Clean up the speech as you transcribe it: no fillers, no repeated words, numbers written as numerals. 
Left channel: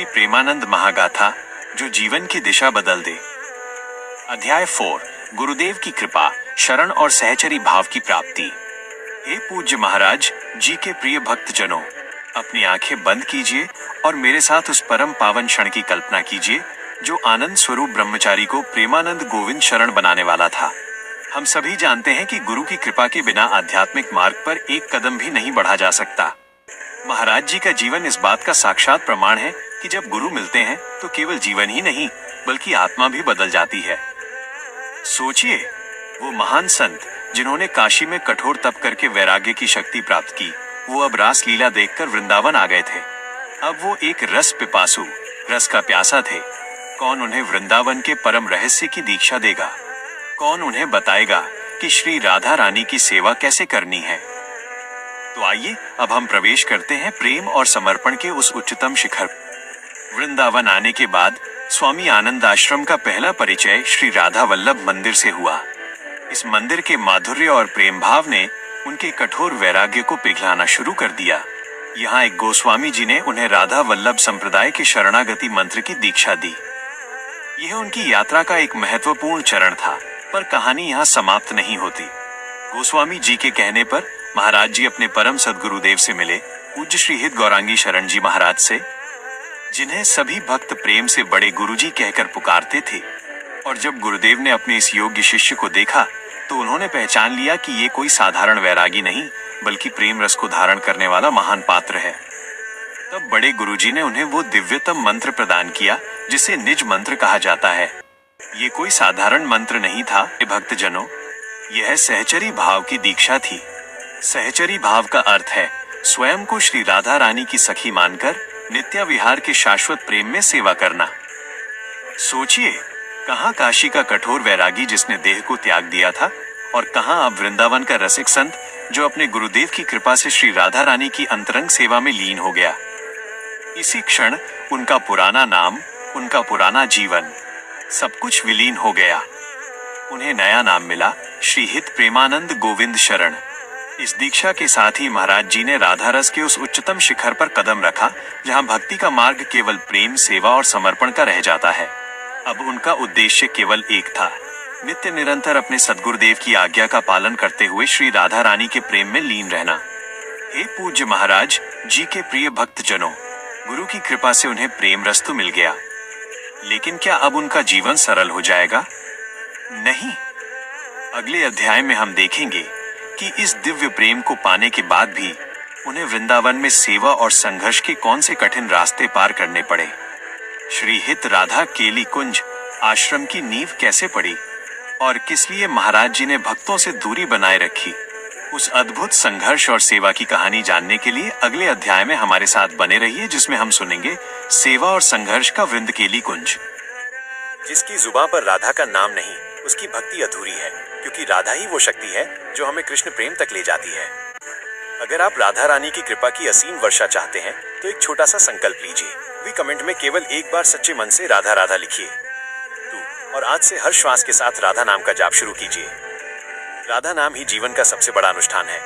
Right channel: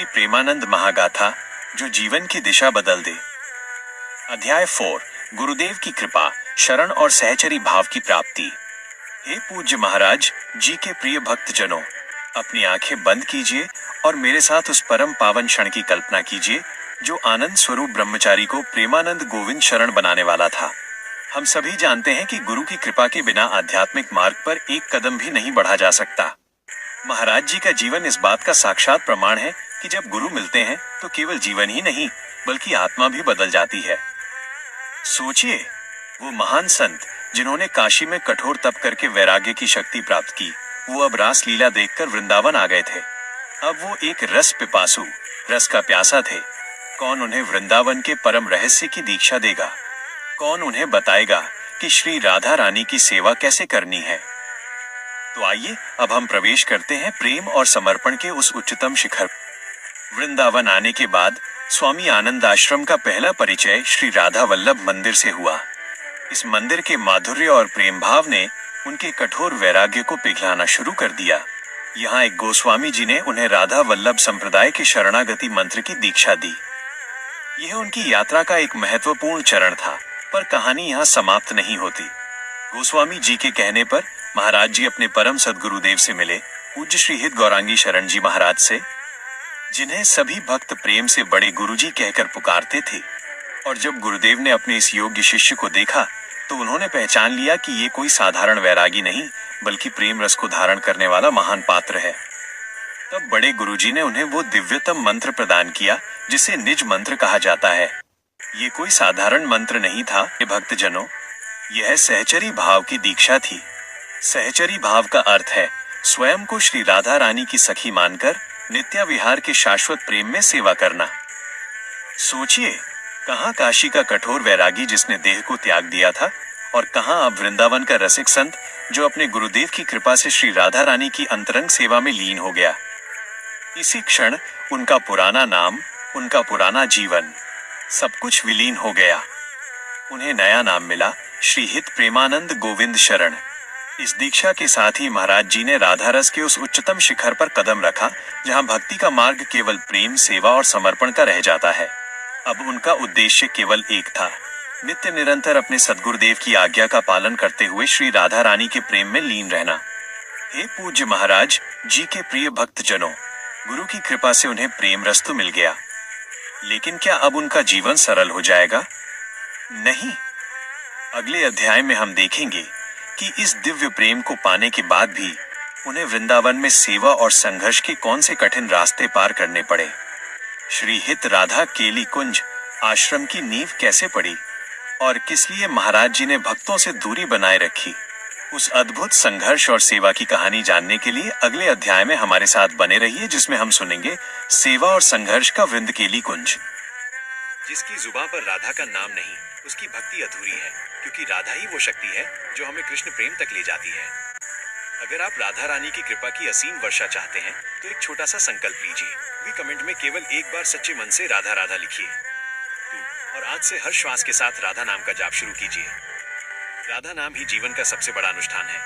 श्री प्रेमानंद महागाथा जो जीवन की दिशा बदल दे। अध्याय 4 गुरुदेव की कृपा, शरण और सहचरी भाव की प्राप्ति। हे पूज्य महाराज जी के प्रिय भक्तजनों, अपनी आंखें बंद कीजिए और मेरे साथ उस परम पावन क्षण की कल्पना कीजिए जो आनंद स्वरूप ब्रह्मचारी को प्रेमानंद गोविंद शरण बनाने वाला था। हम सभी जानते हैं कि गुरु की कृपा के बिना आध्यात्मिक मार्ग पर एक कदम भी नहीं बढ़ा जा सकता। महाराज जी का जीवन इस बात का साक्षात प्रमाण है कि जब गुरु मिलते हैं तो केवल जीवन ही नहीं बल्कि आत्मा भी बदल जाती है। सोचिए, वो महान संत जिन्होंने काशी में कठोर तप करके वैराग्य की शक्ति प्राप्त की, वो अब रास लीला देखकर वृंदावन आ गए थे। अब वो एक रस पिपासु, रस का प्यासा थे। कौन उन्हें वृंदावन के परम रहस्य की दीक्षा देगा? कौन उन्हें बताएगा कि श्री राधा रानी की सेवा कैसे करनी है? तो आइए अब हम प्रवेश करते हैं प्रेम और समर्पण के उस उच्चतम शिखर। वृंदावन आने के बाद स्वामी आनंद आश्रम का पहला परिचय श्री राधा वल्लभ मंदिर से हुआ। इस मंदिर के माधुर्य और प्रेम भाव ने उनके कठोर वैराग्य को पिघलाना शुरू कर दिया। यहाँ एक गोस्वामी जी ने उन्हें राधा वल्लभ संप्रदाय के शरणागति मंत्र की दीक्षा दी। यह उनकी यात्रा का एक महत्वपूर्ण चरण था, पर कहानी यहाँ समाप्त नहीं होती। गोस्वामी जी के कहने पर महाराज जी अपने परम सद्गुरुदेव से मिले, पूज्य श्री हित गौरांगी शरण जी महाराज से, जिन्हें सभी भक्त प्रेम से बड़े गुरुजी कहकर पुकारते थे। और जब गुरुदेव ने अपने इस योग्य शिष्य को देखा तो उन्होंने पहचान लिया कि ये कोई साधारण वैरागी नहीं बल्कि प्रेम रस को धारण करने वाला महान पात्र है। तब बड़े गुरुजी ने उन्हें वो दिव्यतम मंत्र प्रदान किया जिसे निज मंत्र कहा जाता है। ये कोई साधारण मंत्र नहीं था भक्तजनों, यह सहचरी भाव की दीक्षा थी। सहचरी भाव का अर्थ है स्वयं को श्री राधा रानी की सखी मानकर नित्य विहार के शाश्वत प्रेम में सेवा करना। सोचिए, कहाँ काशी का कठोर वैरागी जिसने देह को त्याग दिया था और कहाँ अब वृंदावन का रसिक संत जो अपने गुरुदेव की कृपा से श्री राधा रानी की अंतरंग सेवा में लीन हो गया। इसी क्षण उनका पुराना नाम, उनका पुराना जीवन, सब कुछ विलीन हो गया। उन्हें नया नाम मिला, श्री हित प्रेमानंद गोविंद शरण। इस दीक्षा के साथ ही महाराज जी ने राधा रस के उस उच्चतम शिखर पर कदम रखा जहां भक्ति का मार्ग केवल प्रेम, सेवा और समर्पण का रह जाता है। अब उनका उद्देश्य केवल एक था, नित्य निरंतर अपने सद्गुरुदेव की आज्ञा का पालन करते हुए श्री राधा रानी के प्रेम में लीन रहना। हे पूज्य महाराज जी के प्रिय भक्तजनों, गुरु की कृपा से उन्हें प्रेम रस तो मिल गया, लेकिन क्या अब उनका जीवन सरल हो जाएगा? नहीं। अगले अध्याय में हम देखेंगे कि इस दिव्य प्रेम को पाने के बाद भी उन्हें वृंदावन में सेवा और संघर्ष के कौन से कठिन रास्ते पार करने पड़े। श्री हित राधा केली कुंज आश्रम की नींव कैसे पड़ी और किस लिए महाराज जी ने भक्तों से दूरी बनाए रखी। उस अद्भुत संघर्ष और सेवा की कहानी जानने के लिए अगले अध्याय में हमारे साथ बने रहिए, जिसमें हम सुनेंगे सेवा और संघर्ष का वृंद केली कुंज। जिसकी जुबान पर राधा का नाम नहीं, उसकी भक्ति अधूरी है, क्योंकि राधा ही वो शक्ति है जो हमें कृष्ण प्रेम तक ले जाती है। अगर आप राधा रानी की कृपा की असीम वर्षा चाहते हैं तो एक छोटा सा संकल्प लीजिए। भी कमेंट में केवल एक बार सच्चे मन से राधा राधा लिखिए और आज से हर श्वास के साथ राधा नाम का जाप शुरू कीजिए। राधा नाम ही जीवन का सबसे बड़ा अनुष्ठान है।